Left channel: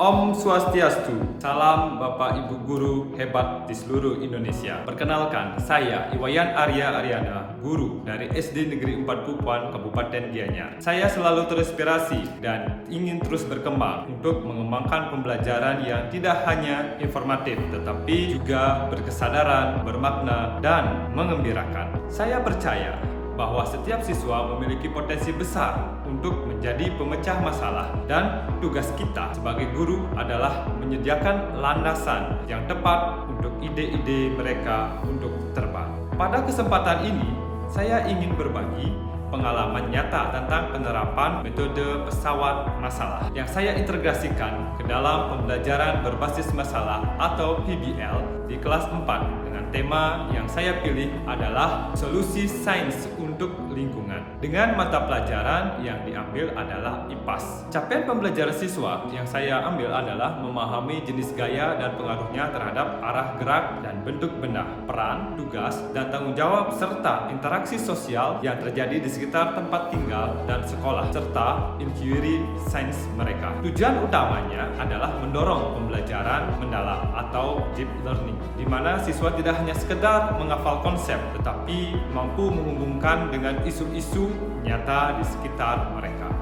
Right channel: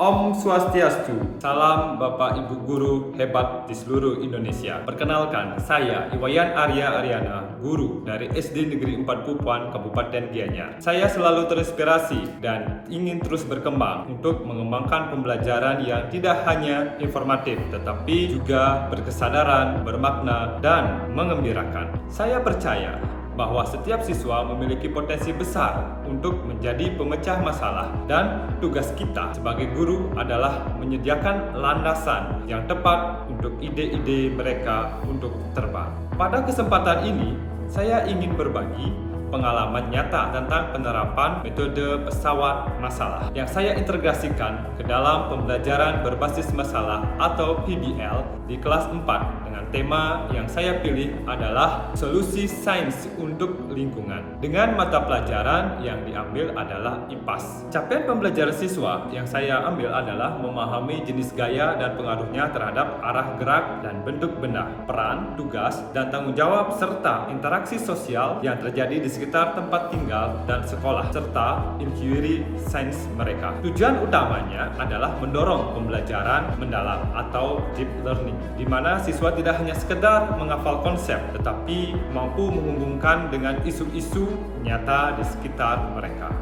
Om Swastiastu. Salam Bapak Ibu Guru hebat di seluruh Indonesia. Perkenalkan, saya Iwayan Arya Aryana, guru dari SD Negeri 4 Pupuan, Kabupaten Gianyar. Saya selalu terinspirasi dan ingin terus berkembang untuk mengembangkan pembelajaran yang tidak hanya informatif, tetapi juga berkesadaran, bermakna, dan mengembirakan. Saya percaya bahwa setiap siswa memiliki potensi besar untuk menjadi pemecah masalah, dan tugas kita sebagai guru adalah menyediakan landasan yang tepat untuk ide-ide mereka untuk terbang. Pada kesempatan ini, saya ingin berbagi pengalaman nyata tentang penerapan metode pesawat masalah yang saya integrasikan ke dalam pembelajaran berbasis masalah atau PBL di kelas 4 dengan tema yang saya pilih adalah solusi sains untuk lingkungan. Dengan mata pelajaran yang diambil adalah IPAS. Capaian pembelajaran siswa yang saya ambil adalah memahami jenis gaya dan pengaruhnya terhadap arah gerak dan bentuk benda, peran, tugas, dan tanggung jawab serta interaksi sosial yang terjadi di sekitar tempat tinggal dan sekolah, serta inquiry sains mereka. Tujuan utamanya adalah mendorong pembelajaran mendalam atau deep learning, di mana siswa tidak hanya sekedar menghafal konsep, tetapi mampu menghubungkan dengan isu-isu nyata di sekitar mereka.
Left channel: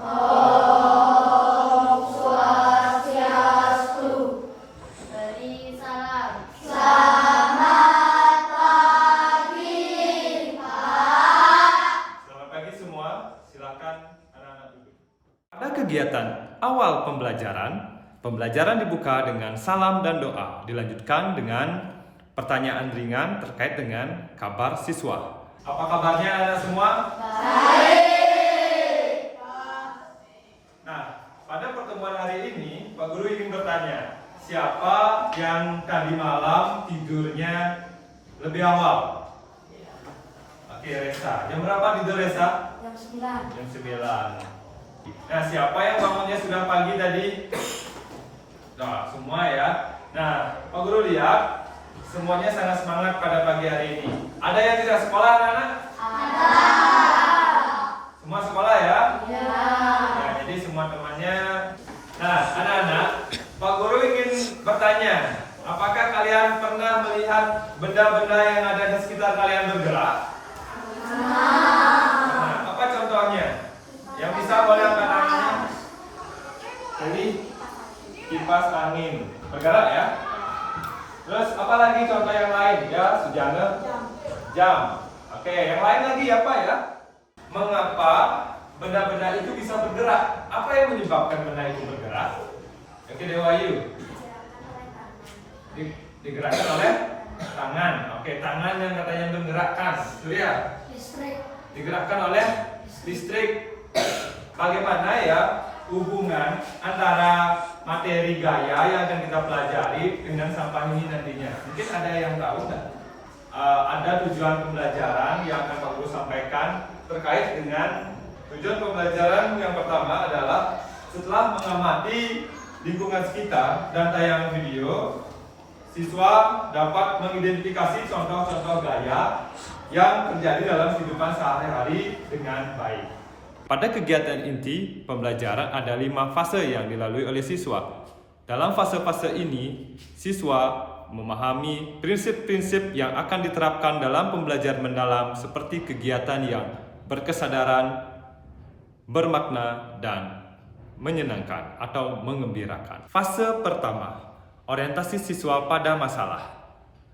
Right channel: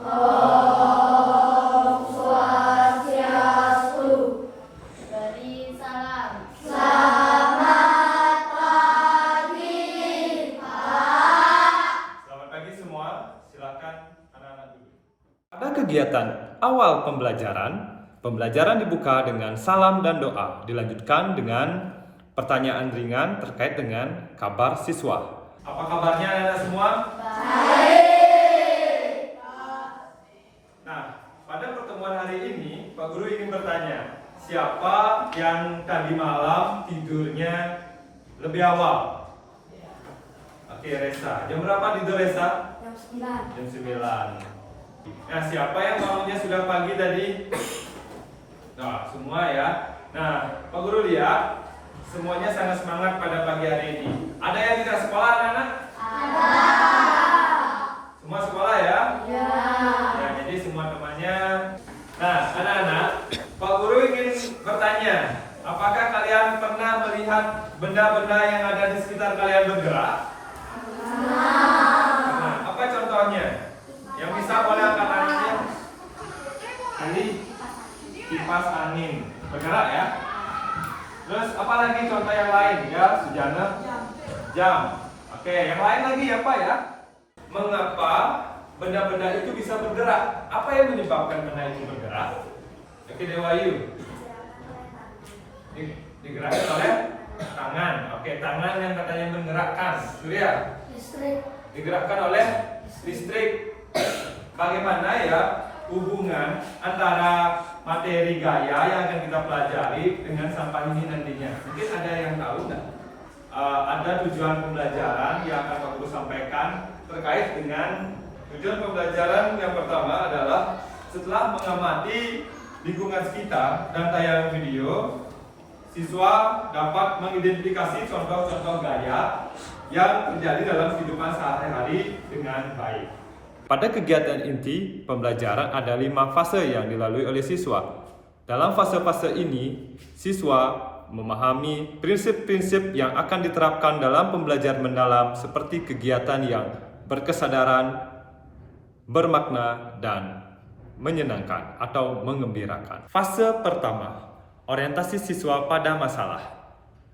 Om Swastiastu. Beri salam. Selamat pagi, Pak. Selamat pagi semua, silakan anak-anak duduk. Pada kegiatan awal pembelajaran dibuka dengan salam dan doa, dilanjutkan dengan pertanyaan ringan terkait dengan kabar siswa. Apa kabarnya anak semua? Baik. Nah, pada pertemuan hari ini, Pak Guru ingin bertanya, siapa yang tadi malam tidurnya lebih awal? Oke, Resa. Jam berapa tidur Resa? Jam 9. Jam 9. Nah, siapa yang bangunnya sudah pagi tadi? Nah, semua ya. Nah, Pak Guru lihat, semuanya sangat semangat pada pagi hari ini. Ada yang tidak sekolah, anak-anak? Ada. Semua sekolah ya? Ya. Nah, jadi semua temannya. Nah, anak-anak, Pak Guru ingin bertanya, apakah kalian pernah melihat benda-benda yang ada di sekitar kalian bergerak? Nah, apa contohnya? Yang bisa boleh angkat tangannya? Jadi, kipas angin bergerak ya. Terus apa lagi contoh yang lain ya, Sujana? Jam. Oke, yang lain lagi apa ya? Mengapa benda-benda itu bisa bergerak? Apa yang menyebabkan benda itu bergerak? Oke, Dewayu. Digerakkan oleh tangan. Oke, tangan yang katanya menggerakkan. Surya. Listrik. Digerakkan oleh listrik. Bagaimana ya hubungan antara materi gaya yang akan kita pelajari dengan sampah ini nantinya? Mungkin ada yang tahu nggak? Ada tujuan pembelajaran yang akan Pak Guru sampaikan terkait dengan tujuan pembelajaran yang pertama adalah setelah mengamati lingkungan sekitar dan tayangan video, siswa dapat mengidentifikasi contoh-contoh gaya yang terjadi dalam kehidupan sehari-hari dengan baik. Pada kegiatan inti pembelajaran ada 5 fase yang dilalui oleh siswa. Dalam fase-fase ini, siswa memahami prinsip-prinsip yang akan diterapkan dalam pembelajaran mendalam seperti kegiatan yang berkesadaran, bermakna, dan menyenangkan atau mengembirakan. Fase pertama, orientasi siswa pada masalah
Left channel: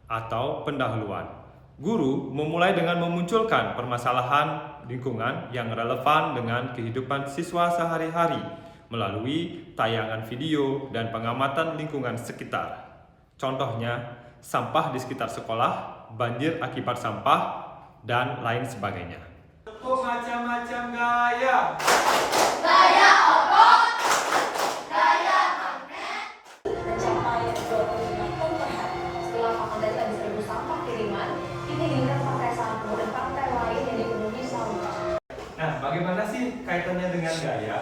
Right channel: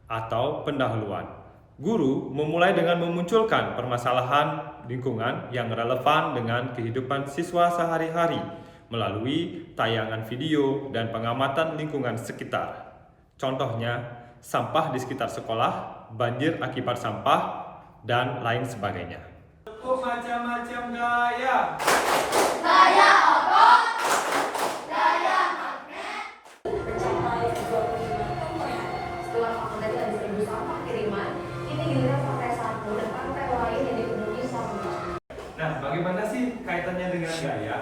atau pendahuluan. Guru memulai dengan memunculkan permasalahan lingkungan yang relevan dengan kehidupan siswa sehari-hari melalui tayangan video dan pengamatan lingkungan sekitar. Contohnya, sampah di sekitar sekolah, banjir akibat sampah, dan lain sebagainya. Macam-macam gaya. Gaya otot. Gaya magnet. Mencapai 25 ton per hari. Setelah pakai tadi habis rebus sampah kiriman, ini giliran pakai sapu dan pakai lain yang dipenuhi sampah. Nah, bagaimana sih kaitannya dengan gaya?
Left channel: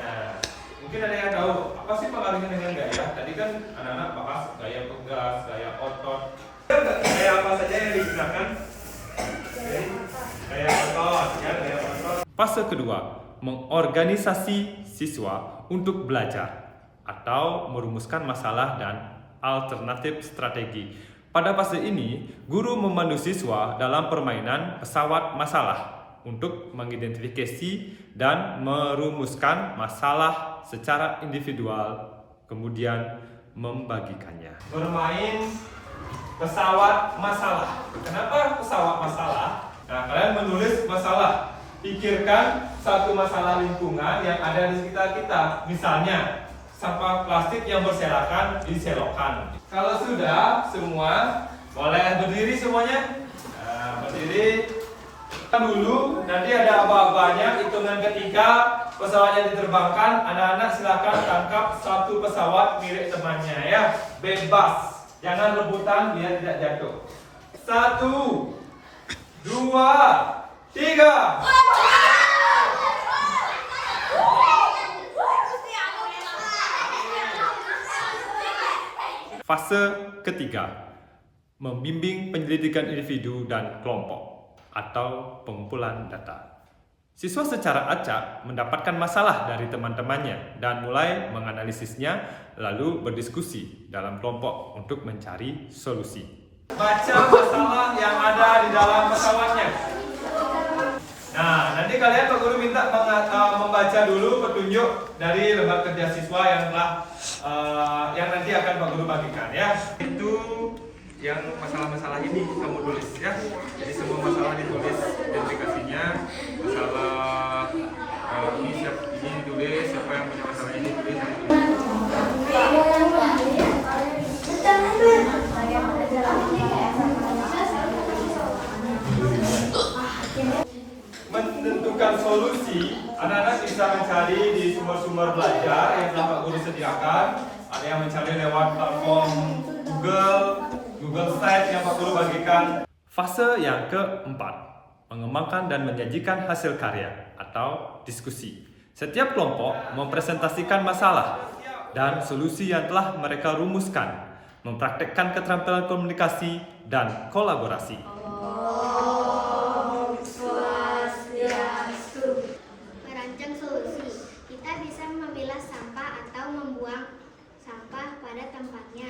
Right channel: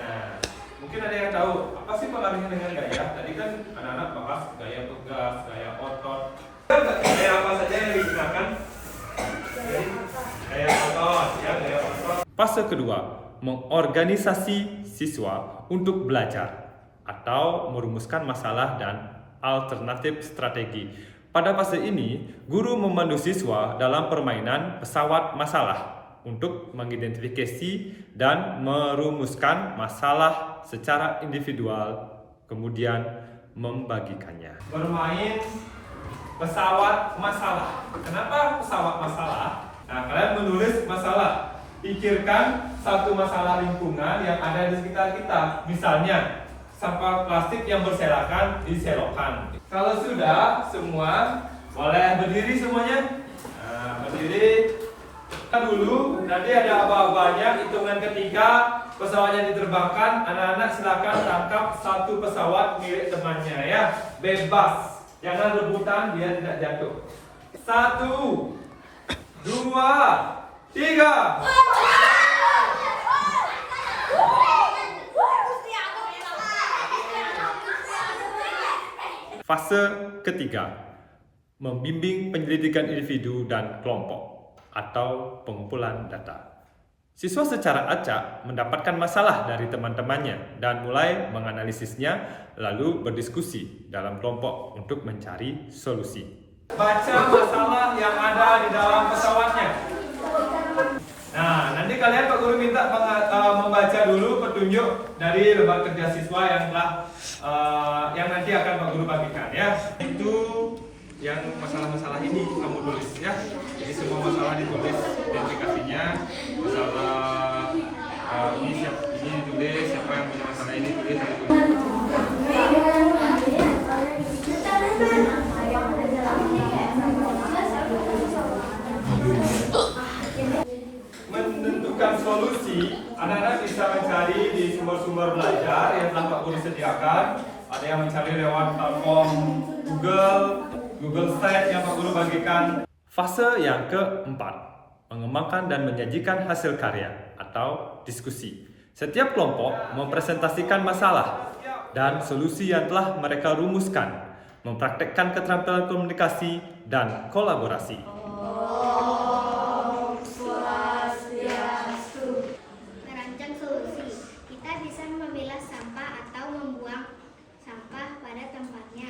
Nah, mungkin ada yang tahu apa sih pengaruhnya dengan gaya? Tadi kan anak-anak bahas gaya pegas, gaya otot. Gaya apa saja yang digunakan? Gaya otot, ya, gaya otot. Fase kedua, mengorganisasi siswa untuk belajar atau merumuskan masalah dan alternatif strategi. Pada fase ini, guru memandu siswa dalam permainan pesawat masalah untuk mengidentifikasi dan merumuskan masalah secara individual, kemudian membagikannya. Bermain pesawat masalah. Kenapa pesawat masalah? Nah, kalian menulis masalah. Pikirkan satu masalah lingkungan yang ada di sekitar kita. Misalnya, sampah plastik yang berserakan diselokan. Kalau sudah semua, boleh berdiri semuanya. Nah, berdiri. Kita dulu, nanti ada apa-apanya. Hitungan ketiga, pesawatnya diterbangkan. Anak-anak silakan tangkap satu pesawat milik temannya ya. Bebas. Jangan rebutan biar tidak jatuh. 1, 2, 3. Fase ketiga, membimbing penyelidikan individu dan kelompok atau pengumpulan data. Siswa secara acak mendapatkan masalah dari teman-temannya dan mulai menganalisisnya, lalu berdiskusi dalam kelompok untuk mencari solusi. Baca masalah yang ada di dalam pesawatnya. Nah, nanti kalian Pak Guru minta membaca dulu petunjuk dari lembar kerja siswa yang telah yang nanti akan Pak Guru bagikan ya. Itu yang masalah-masalah ini kamu tulis ya. Jadi semua masalah ditulis, identifikasinya, masalah ini ditulis, siapa yang punya masalah ini tulis. Menentukan solusi, anak-anak bisa mencari di sumber-sumber belajar yang telah Pak Guru sediakan. Ada yang mencari lewat platform Google Slides yang Pak Guru bagikan. Fase yang keempat, mengembangkan dan menyajikan hasil karya atau diskusi. Setiap kelompok mempresentasikan masalah dan solusi yang telah mereka rumuskan, mempraktekkan keterampilan komunikasi dan kolaborasi. Merancang solusi, kita bisa memilah sampah atau membuang sampah pada tempatnya.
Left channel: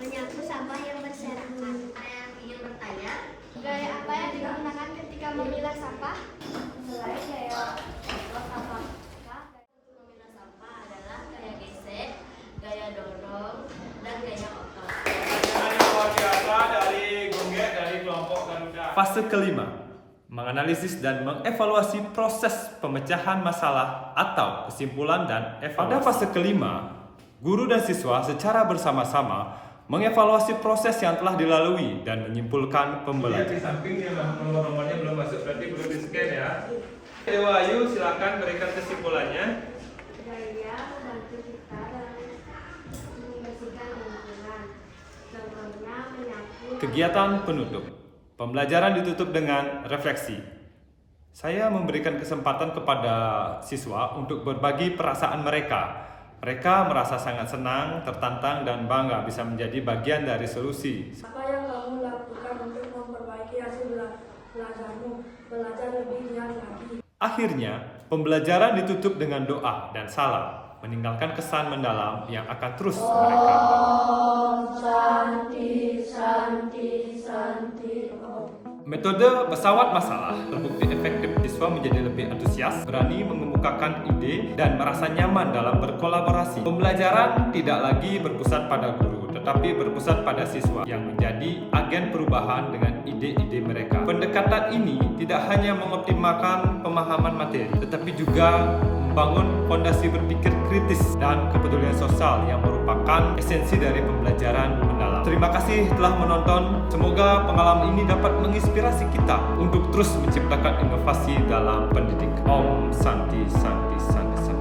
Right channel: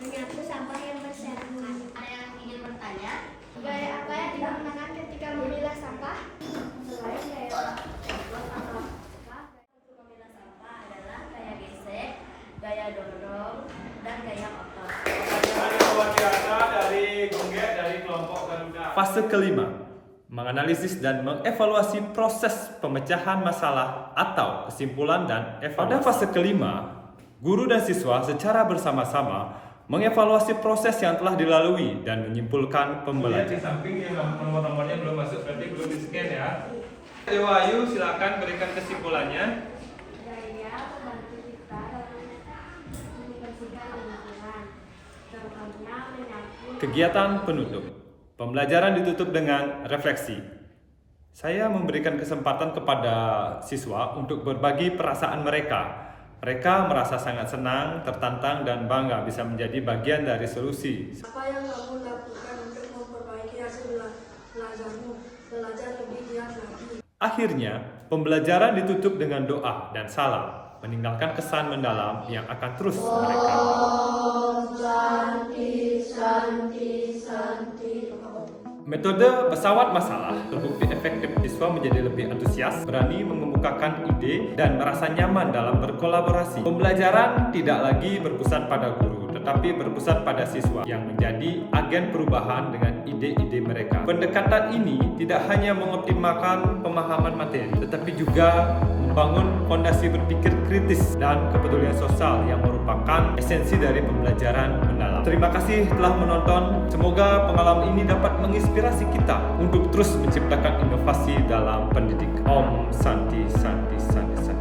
Menyapu sampah yang berserakan. Ada yang ingin bertanya? Gaya apa yang digunakan ketika memilah sampah? Selain gaya sampah untuk memilah sampah adalah gaya gesek, gaya dorong, dan gaya otot. Dari luar biasa dari Gonggek dari kelompok Garuda. Fase kelima, menganalisis dan mengevaluasi proses pemecahan masalah atau kesimpulan dan evaluasi. Pada fase kelima, guru dan siswa secara bersama-sama mengevaluasi proses yang telah dilalui dan menyimpulkan pembelajaran. Di samping yang nomor-nomornya belum masuk, berarti belum di-scan ya. Dewa Ayu, silakan berikan kesimpulannya. Gaya membantu kita dalam membersihkan lingkungan. Contohnya menyapu. Kegiatan penutup. Pembelajaran ditutup dengan refleksi. Saya memberikan kesempatan kepada siswa untuk berbagi perasaan mereka. Mereka merasa sangat senang, tertantang, dan bangga bisa menjadi bagian dari solusi. Apa yang kamu lakukan untuk memperbaiki hasil belajarmu? Belajar lebih giat lagi. Akhirnya, pembelajaran ditutup dengan doa dan salam, meninggalkan kesan mendalam yang akan terus mereka bawa. Metode pesawat masalah terbukti efektif. Siswa menjadi lebih antusias, berani mengemukakan ide, dan merasa nyaman dalam berkolaborasi. Pembelajaran tidak lagi berpusat pada guru, tetapi berpusat pada siswa yang menjadi agen perubahan dengan ide-ide mereka. Pendekatan ini tidak hanya mengoptimalkan pemahaman materi, tetapi juga membangun fondasi berpikir kritis dan kepedulian sosial yang merupakan esensi dari pembelajaran mendalam. Terima kasih telah menonton. Semoga pengalaman ini dapat menginspirasi kita untuk terus menciptakan inovasi dalam pendidikan. Om Santi Santi Santi Santi.